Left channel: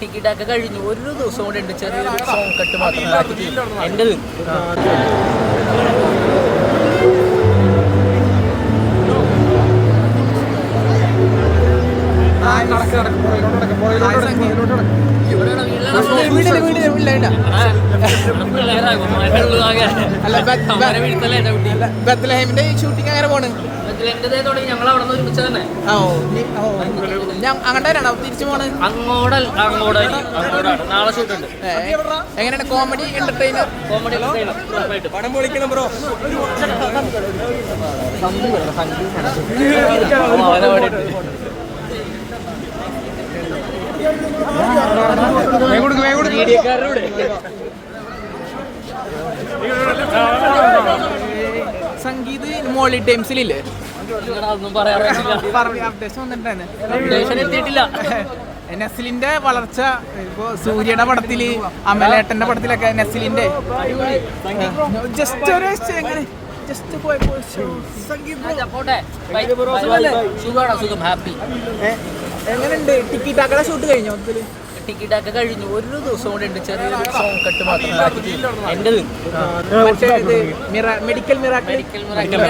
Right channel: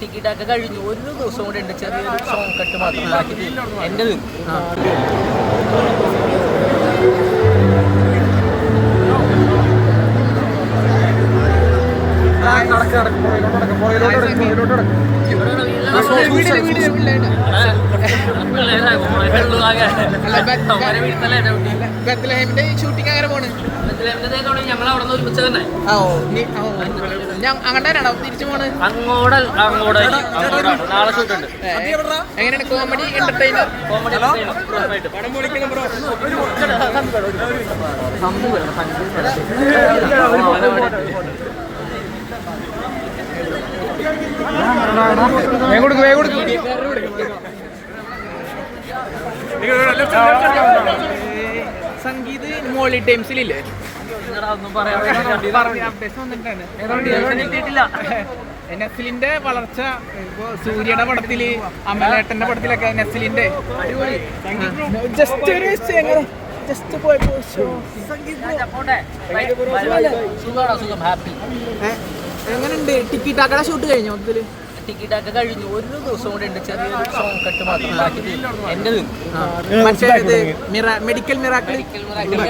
Ticket ഒക്കെ കഴിഞ്ഞു. ഒരു ദിവസം കൂടെ ഉണ്ട്, ചെറിയൊരു സോങ് കട്ട് മാത്രം ബാക്കി എൻ്റെ ഷൂട്ടിംഗ് അങ്ങനെ പോണ്. അങ്ങോട്ടാണോ തിരിച്ചു പോണ്? നാളെ ഷൂട്ടുണ്ട്. എങ്ങനെയാണ് കോമഡി എന്റർടൈനർ? സംഗീത് മോളി ടൈംസിലില്ലേ അപ്ഡേഷൻ വന്നിട്ടാണ്. നെസ്ലിന്റെ വളർച്ച ഇപ്പൊ സൂര്യയുടെ പടത്തില്, അമലേട്ടന്റെ പടത്തിലൊക്കെ നെസ്ലിന്റെ ജസ്റ്റ് ഒരു എങ്ങനെ ജസ്റ്റ് പോയപ്പോ സുഖം ഹാപ്പി. എങ്ങനെയുണ്ട്? ടിക്കറ്റ് ആക്കടെ ഷൂട്ട് കഴിഞ്ഞോ? ടിക്കറ്റ് ഒക്കെ കഴിഞ്ഞു. ഒരു ദിവസം കൂടെ ഉണ്ട്, ചെറിയൊരു സോങ് കട്ട് മാത്രം ബാക്കി എൻ്റെ മെഡിക്കൽ മിറാക്കിൾ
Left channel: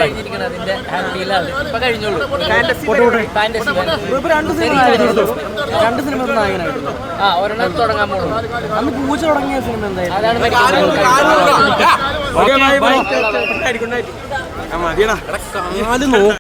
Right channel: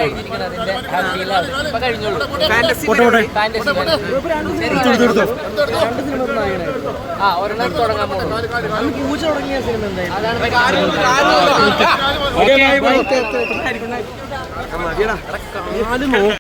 കഴിഞ്ഞിരിക്കണം. അതിന്റെ ഹാപ്പിയിലാണ് ഇപ്പൊ കഴിഞ്ഞോളൂ. ഫാന്റസി ഒരെണ്ണം തുടങ്ങാൻ പോണു. പൂജ തുടങ്ങിയ സിനിമ അതാണ്.